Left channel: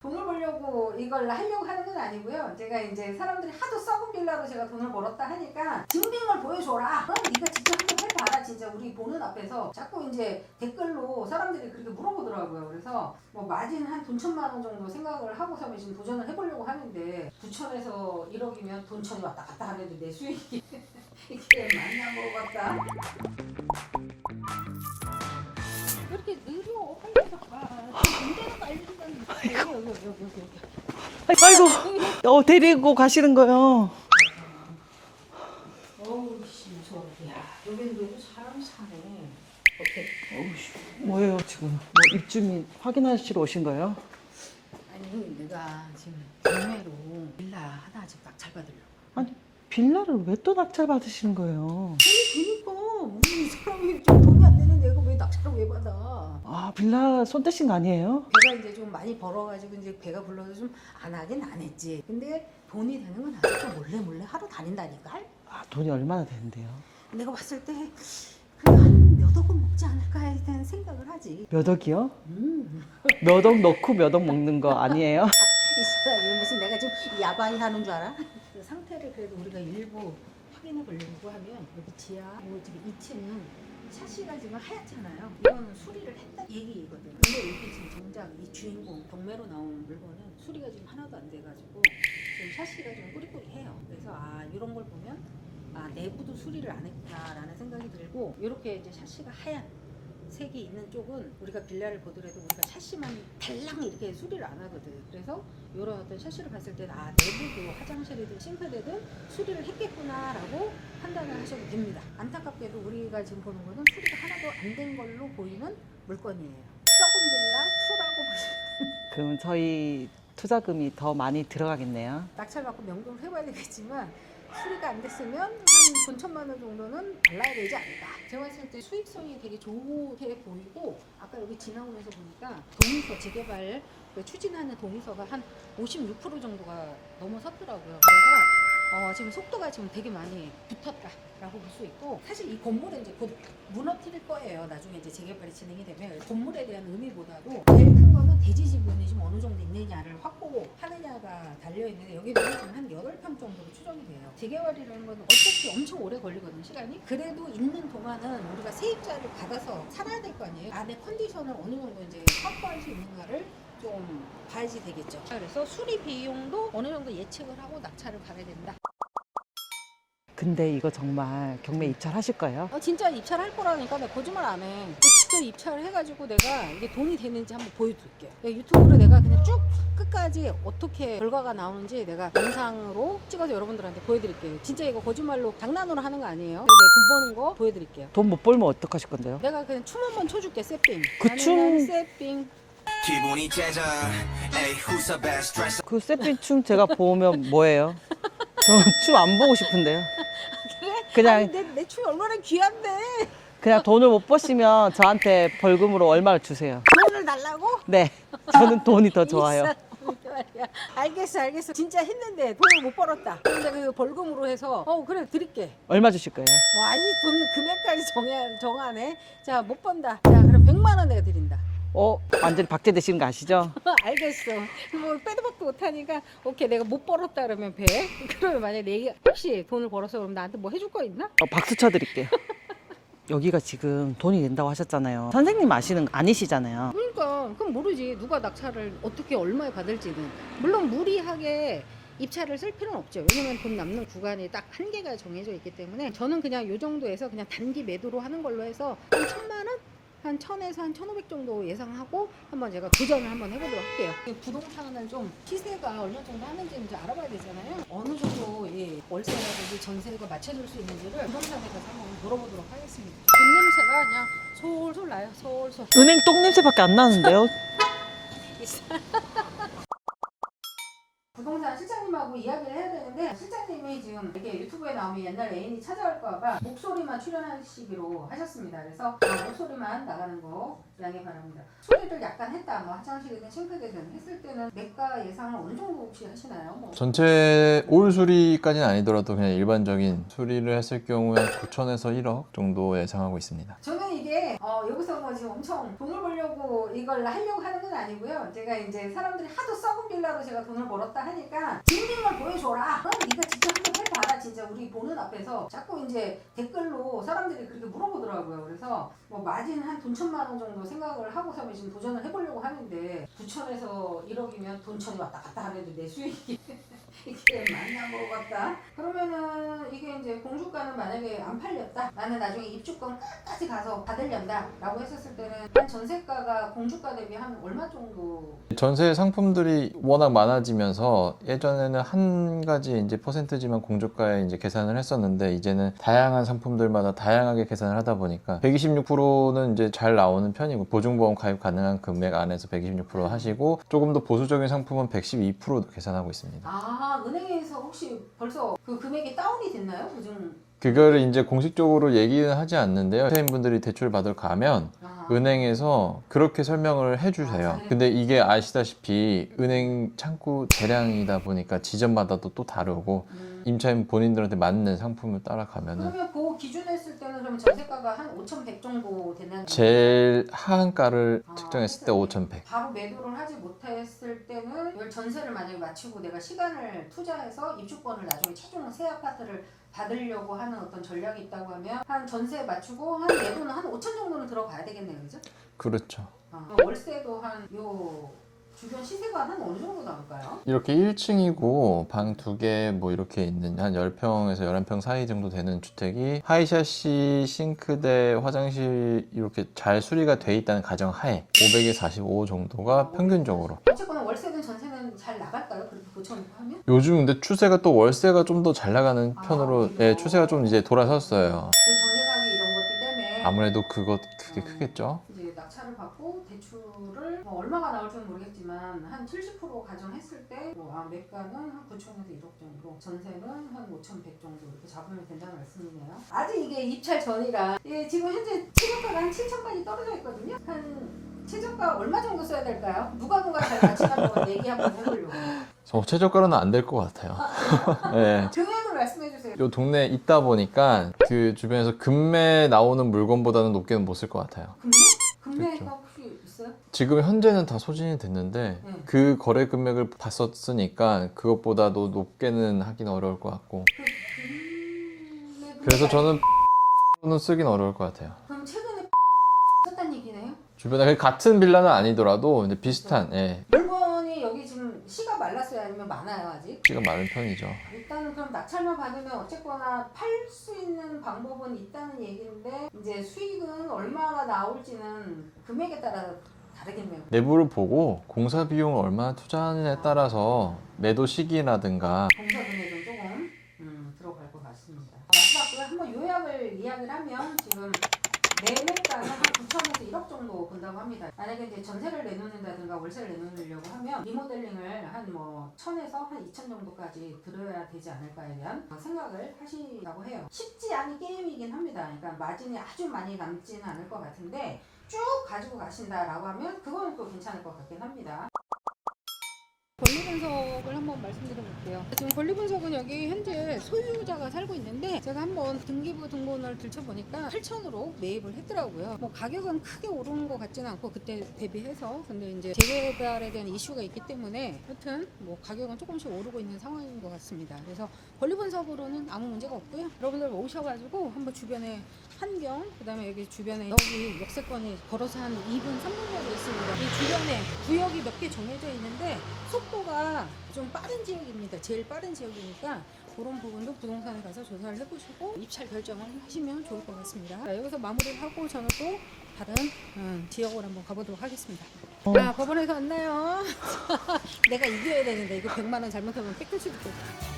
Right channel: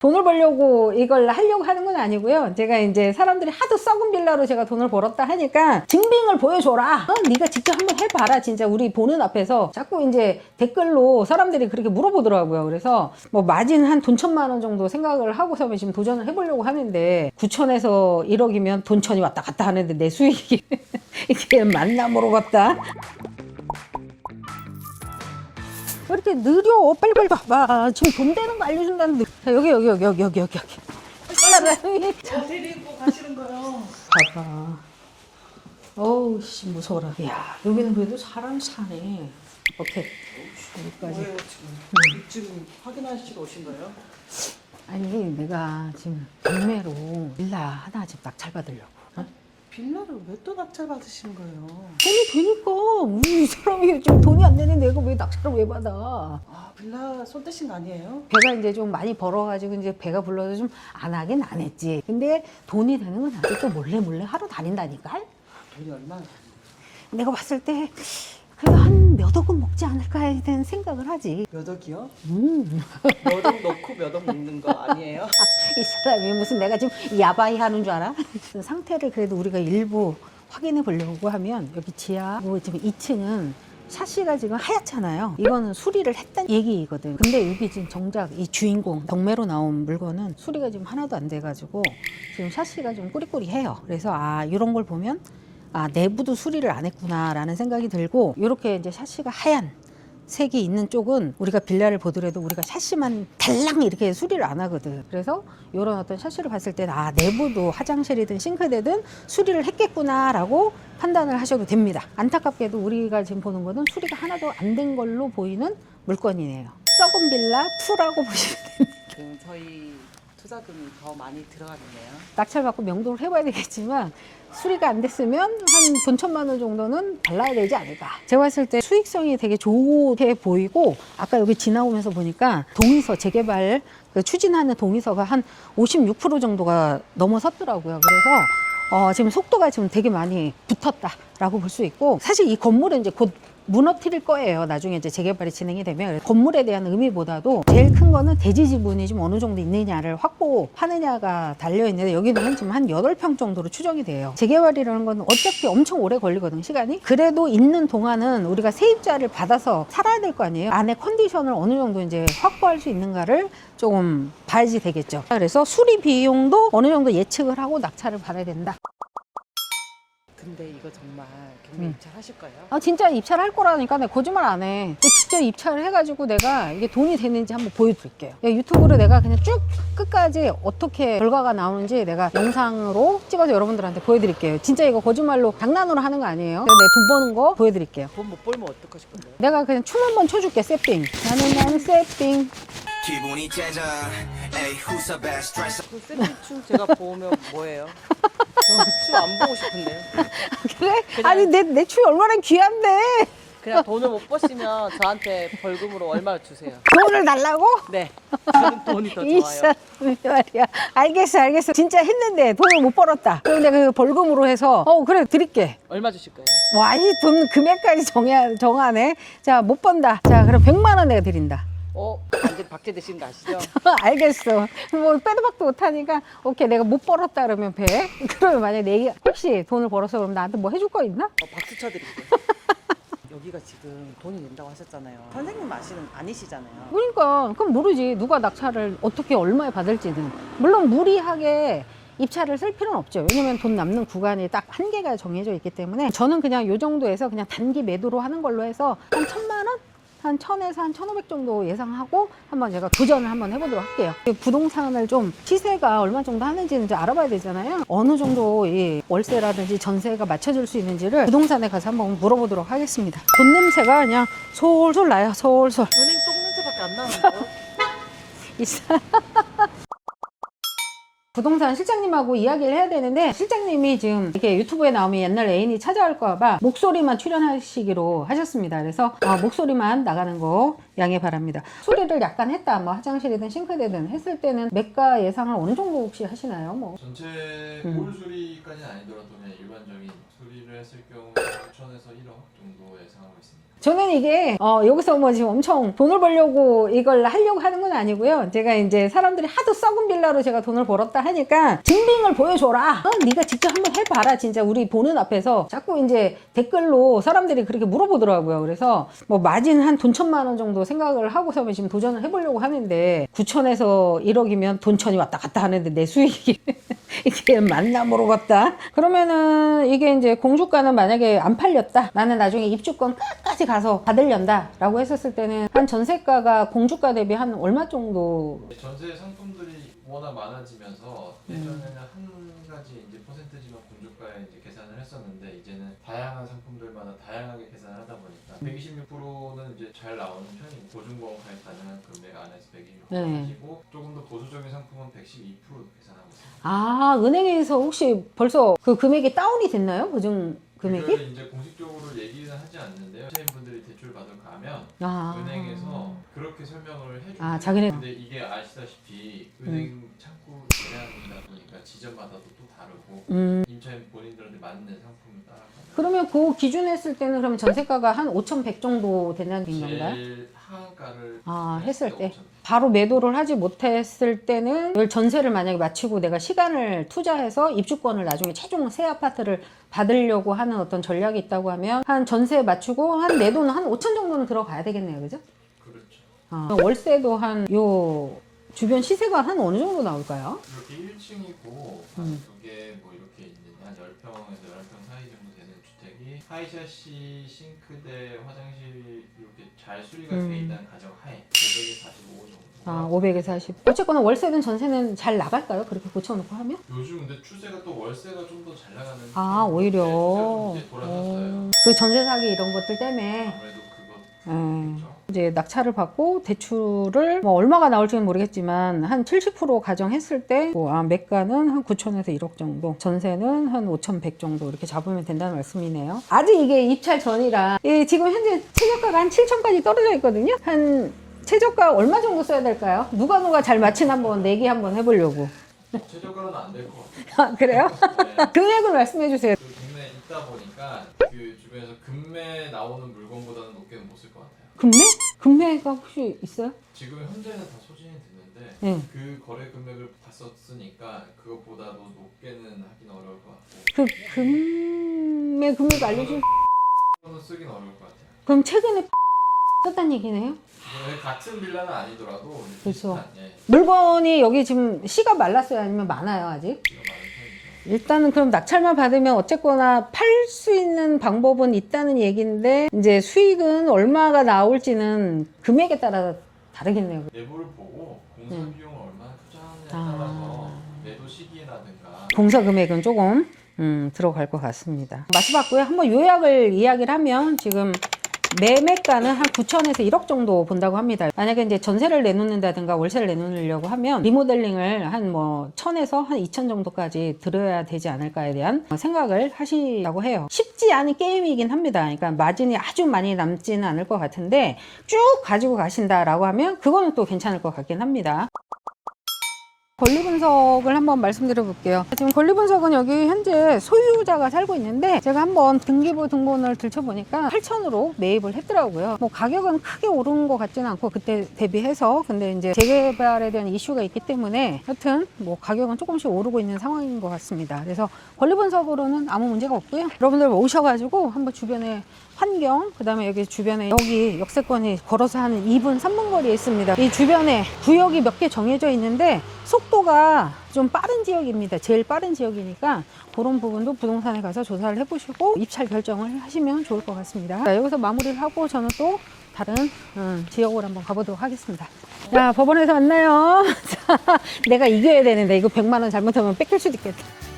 돈을 벌려고 이걸 하려고 하는 건 아니고요. 제가 이제 사람들이 하도 썩은 빌라로 제가 돈을 벌었다 하니까 증빙을 보여줘라. 어, 네가 직접 한번 해봐라. 진짜 우리 보는 앞에서 자꾸 이제 댓글로 사람들이 그렇게 물어보더라고요. 그래서 뭐 마진 한 돈 천만 원 정도 생각을 하고서 지금 도전을 해보려고 하는데 9천에서 1억이면 돈 천이 왔다 갔다 하는데 내 수익이 이게 맞나 물어봤다. 왜 이렇게 느려? 빨리 빨리 봐봐. 지금 돈 되는 거 알려준다는데. 자, 여기, 여기, 여기, 여기, 여기, 여기. 여기. 빨리 어, 데리고 가시는 거요. 봐봐. 어우, 씨, 무서워라. 야, 여기는 그래도 사람 사네. 오케이. 어우, 씨. 뭐예요, 지금? 뭐 입주민 확인하시러 오신 거예요? 아니, 내가 지금 경매로 빌라 하나 지금 낙찰 받으려고. 아니, 빌라를 왜 또 낙찰 받으시는 거예요? 돈이 되니까. 이 사람이 지금 돈이 안 되는데 내가 왜 낙찰을 왜 받아? 아, 빌라 손 떼신 거 아니에요? 배가 이제 좀 많이 벌어가지고 이제 배가 불러서 좀 안 하긴 안 했지. 근데 돈이 되는 건 나도 또 몰래 몰래 하러 다닌다니까. 아, 돈이 얼마나 되는데요? 내가 봤을 때 그래도 한몇 억은 먹지 않을까 에 대한 생각을 하지. 몇 억이요? 음. 몇 억 넣고 몇 억 먹는 거 아니에요? 이 사람이 무슨 내가 지금 야바이 하는 줄 알아? 그 상태를 그래도 우리가 일부 확인해 보려고 하면 여기 지하 뭐 지금 2층은 샤시가 지금 하얗잖아요. 이거는 수리를 했다는 얘기거든. 근데 여기 지금 정작 이 주인공 경매로 나온 물건은 수리가 지금 하나도 안 돼가지고 지금 샤시가 좀 꾸리꾸리해요. 그래서 아 이런 걸 보면 아 내부도 수리를 안 했구나라는 생각이 들고 이렇게 이제 샤시가 하얀 색이 있는 쪽은 우리가 빌라를 보더라도 우리가 샤시만 달랑 이렇게 수리를 안 하거든. 그래서 이런 어떤 샤시를 봤을 때는 아 내부도 화장실이든 싱크대든 수리를 했겠구나라고 판단을 하셔도 됩니다. 안타깝게도 우리가 지금 보는 거는 수리가 하나도 안 된 걸로 보이는 물건이네요. 썩은 빌라 2라고 보시면 됩니다. 그럼 저희 투자금이 더 많이 들어가겠네요. 낙찰 받고 명도를 해봐야 되겠지만 수리가 안 됐으면 한 돈 천만 원 정도는 발라야 되지 않을까. 제가 봤을 때 수익성이 되게 좋게 보이고 아까 여기 지나오면서 보니까 동의서 재개발 그 추진하는 동의서가 한 56% 정도가 넘어섰더라고요. 그래서 어, 지금 속도가 지금 되게 많이 붙었다라고 볼 수 있고 사실 이 건물은 이제 곧 무너뜨릴 거예요. 나중에 이제 재개발이 진행이 되면 건물에 대한 의미보다도 제일 큰 거는 대지 지분이 좀 어느 정도 있느냐를 확보하느냐가 달려 있는데 여기는 지금 한 8평 정도로 추정이 돼요. 재개발이라는 건 어차피 엄청 오래 걸리거든 시간이. 그래도 있는 동안은 우리가 세입자를 받아서 살아야 될 거 아니에요. 안에 컨디션을 어느 정도 이제 확보할 수 있는가를 조금 봐야지 되겠죠. 그래서 수리 비용도 어느 정도 예측을 하고 낙찰을 받아야 된다. 근데 이거 정말 경매 음. 입찰하실 거예요? 아 진짜 입찰할 거라니까 내가 거짓말 안 해. 직접 입찰을 해가지고 내가 이게 돈이 되는지 한번 보여드릴게요. 야, 유튜브로 내가 그냥 쭉 끝까지 어떻게 결과가 나오는지 내가 영상으로 찍어서 여러분들한테 보여드릴게요. 진짜 이거 거짓말로 장난으로 하는 거 아니에요. 내돈 버는 거 보여드릴게요. 돈 못 벌면 어떡하실 건데요? 내가 그냥 춤 한 번 춰줄게 세핑. 나는 나는 세핑. 기분이 째져 에이 who's the best dresser 그 세핀 춤 제가 보면 뭐예요? 저는 춤안 보고 싶은데요. 그래? 그냥- 아니 내 내 춤이 얼마나 귀한데 그냥 돈을 못 버시면 저한테 벌금으로 얼마를 주세요. 돈을 달라고? 네, 저는 돈이 더 이 좋아요. 사람이 말이야. 알겠어, 알겠어. 진짜 했는데 돈을 못 벌었다. 그런데 그 벌금으로 해서 어 그래 드릴게. 얼마 주실 거예요? 와, 이 돈 금액까지 정해, 정하네. 자, 못 번다. 자, 그럼 100만 원 내가 드린다. 어, 완전 박제 되시는 거 아시죠? 알겠어. 뭐 빼도 박도 못하니까 오케이 내가 못 벌었다 그러면 배. 그러면 만약에 내 혹시 돈을 벌어서 그럼 나한테 뭐 해줄 거 있나? 어, 박수 쳐드릴게요. 여기가 지금 돈이 된다고 하셨잖아요. 선생님 아시는 거 아니시잖아요. 그러니까 그럼 모르지 누가 낙찰을 어떻게 얼마에 받을지는. 물론 무리하게 입찰을 쓸 필요는 없죠. 왜냐면 돈 남는 구간이 딱 한계가 정해져 있기 때문에 저는 그냥 요 정도에서 그냥 단기 매도로 하는 걸로 해서 한 천만 원? 한 천에서 한 천오백 정도 예상하고 한번 제가 도전을 한번 해보도록 할게요. 이 부동산을 좀 시세가 얼마 정도 하는지는 이제 알아봐야 되잖아요. 어느 정도 이 월세라든지 전세가 맞춰줄 수 있는지를 부동산에 가서 한번 물어보도록 하겠습니다. 돈 냄새가 그냥 솔솔 나요, 솔솔. 은행 똥 냄새밖에 안 나는데요? 있어. 부동산 실장님하고 이야기를 해야 되는데 실장님이 지금 이렇게 유튜브에 나오면 옛날 애인이 찾아올까 봐 목소리만 출연하시기로 하셨습니다. 그래서 아, 목소리만 나가는 거 양해 바랍니다. 수리를 약간 했다, 뭐 화장실이든 싱크대든 했을 때는 매가 예상을 어느 정도 혹시 하시나요? 뭐 전체 음. 올 수리까지는 아니더라도 그냥 일반적인 수리를 했을 경우에 9천에서 1억 정도 예상하고 있습니다. 저는 이게 어, 여기서 뭐 지금 엄청 돈을 벌려고 이걸 하려고 하는 건 아니고요. 제가 이제 사람들이 하도 썩은 빌라로 제가 돈을 벌었다 하니까 증빙을 보여줘라. 어, 네가 직접 한번 해봐라. 진짜 우리 보는 앞에서 자꾸 이제 댓글로 사람들이 그렇게 물어보더라고요. 그래서 뭐 마진 한 돈 천만 원 정도 생각을 하고서 지금 도전을 해보려고 하는데 9천에서 1억이면 돈 천이 왔다 갔다 하는데 내 수익이 이게 맞나 모르겠다. 그러면은 이게 이제 공주가는 만약에 안 팔렸다. 나는 나중에 입주권 끝까지 가서 받으련다 라고 했었을 때는 한 전세가가 공주가 대비 한 얼마 정도 전세 상품들이 워낙 많아지면서 예전에는 한 가지 이제 퍼센트지만 공저가에 이제 계산을 했었는데 이제는 다양한 상품들마다 다양하게 계산을 하다 보니까 126%는 이제 잘 나오는 편이고 보증보험 가입 가능한 금액 안에서 126% 네. 하시고 조금 더 보수적인 상품은 112% 계산하고 있습니다. 아 은행에서 혹시 벌써 그 금액이 다운이 됐나요? 보증? 그거를 이제 공식적으로 얘기는 하지 않는데요. 세입분들이 대출 받으러 가면 아. 은행에서 그렇게 설명을 해주세요. 아, 자기네- 근데 이게 아시다시피 은행 창구 대량이다 보니까 지점마다도 또 다르고 음. 임차인 본인들한테 맞는 상품을 따라가면 그러면 그 기준 했을 때는 그럼 전세가가 한 5,100 정도 되는? 제일 하한가를 아, 측정했을 때 했을 5,100. 바로 매도를 하지 못했을 때는 이걸 전세를 만약에 마치고 내가 시간을 투자해서 입주권을 나중에 최종 새 아파트를 받으려고 하는 어떤 전략이 있다고 하면 한 전세 맞추고 한 내 돈은 한 5천 정도는 들어가야 되겠네요, 그죠? 그렇죠. 아, 월세도 한 요 주변 시세가 한 어느 정도 나올까요? 이렇게 1층이고 방 두 개 뭐 이렇게 있는 한 10평에서 11평 사이 정도 되는 주택이 하이샤시 싱크대 화장실 이렇게 잘 수리가 돼 있다는 가정 하에 500에 45 정도가 아, 500 에서 평균적으로 40. 어쨌거나 월세든 전세는 잘 나갈까요? 그렇게 고쳐놓고 하면? 요즘 근데 추세가 또 월세가 좀 더 잘 나가는 아, 편으로 오히려. 네, 추세가 좀 이제 돌아섰어요. 그 전세 사기 이런 것들 때문에 아무래도 그것 그게 음. 크겠죠. 이제 낙찰을 받고 대출을 뭐 얼마가 나올지는 모르겠지만 한 70% 가정했을 때 뭐, 아, 매가는 한 9천에서 1억 정도, 전세는 한 5,100 정도 이렇게 잡으면 된다는 말씀이네요. 아직 이게 입찰 전이라 예, 지금 현재 최저가가 한 7천까지 떨어져 있거든요. 한 최저가 얼마 정도 써야 될까요? 누가 누가 잘 맞히나 한번 내기 한번 해보려고. 어, 최저가로는 안 될 것 같아요. 아, 그래요? 네. 금액을 말씀해 주세요. 요 동네에 있다 보니까 그 주변에서 금매 나오는 물건보다는 높게는 못 쓸 것 같아요. 금매? 금매가 혹시 있어요? 지금 현재는 다 소진이 됐는데 네. 그 거래 금액을 봤었으니까 그것보다도 높게는 하긴 어려울 것 같고 그 금매 금액 그래서 저는 는 쓰긴 어려울 것 같아요. 그럼 최근에 썼단 얘기네요? 주변에 같은 빌라는 아니더라도 이제 비슷한 예, 물건이 여기 지금 씨가 말랐어요? 아니면 많아요, 아직? 시가 많은 편이죠. 일단은 그럼 낙찰만 받으면 어쨌거나 팔 수 있는 방법은 있다는 얘기인데 이제 수익은 얼마가 나올지는 금액에 따라 다르겠네요. 내부를 보고 공사 비용을 얼마나 투자하느냐에 아. 따라서 매도 시기라든가 공사 금액은 조금 음, 들어갈 것 같습니다. 맞춰봤고요. 한번 요약을 이야기를 하면 지금 매매가는 한 9천에서 1억 정도 본다고 합니다. 만약에 이제 전세를 내놓는다든가 월세를 내놓으려고 하면 리모델링을 한뭐 1000에서 한2000 정도까지 들어야 되지 않을까에 대한 생각을 하시라고 해요. 쉽지 않은 게임이긴 합니다. 그러니까 마진이 아주 많이 남지는 않을 것 같은데 쭉 가지고 가신다라고 하면 그거는 또 괜찮을 것 같긴 합니다. 권리 분석을 한번 말씀드려 볼게요. 지금 권리 분석은 여기 현재 소유자가 살고 있는데 제가 한번 등기부 등본을 들춰보니까 8천으로 매입을 했더라고요. 뭐 가격은 크게 오른 것 같지는 않고 그때 대비해서 근데 이제 재개발에 대한 이슈가 있기 때문에 하여튼 뭐 가격은 조금씩 오르고 있는 상황인 것 같습니다. 그래서 권리 분석으로는 아무 문제가 없고요. 여러분들 오셔가지고 한번 주변에 환경, 그 다음에 여기 주변에 여기 역세권이 걸어서 한 2분, 3분 거리에 있습니다. 이 주변에 구역이 몇 개 정해져 있는데 속 도가 좀 빠른 지역입니다. 제일 빠른 지역이니까 그런 부분도 부동산에 가서 조사를 해보시고 입찰 결정을 하시면 좋을 것 같습니다. 자, 여기서 마무리를 하고 저는 또 다른 음, 지역으로 한번 가보도록 하겠습니다. 자, 법원에서 만나요. 자, 내가 이겨야 되는데 이거 100만 원 잘못하면 뺏길 수도 있겠다.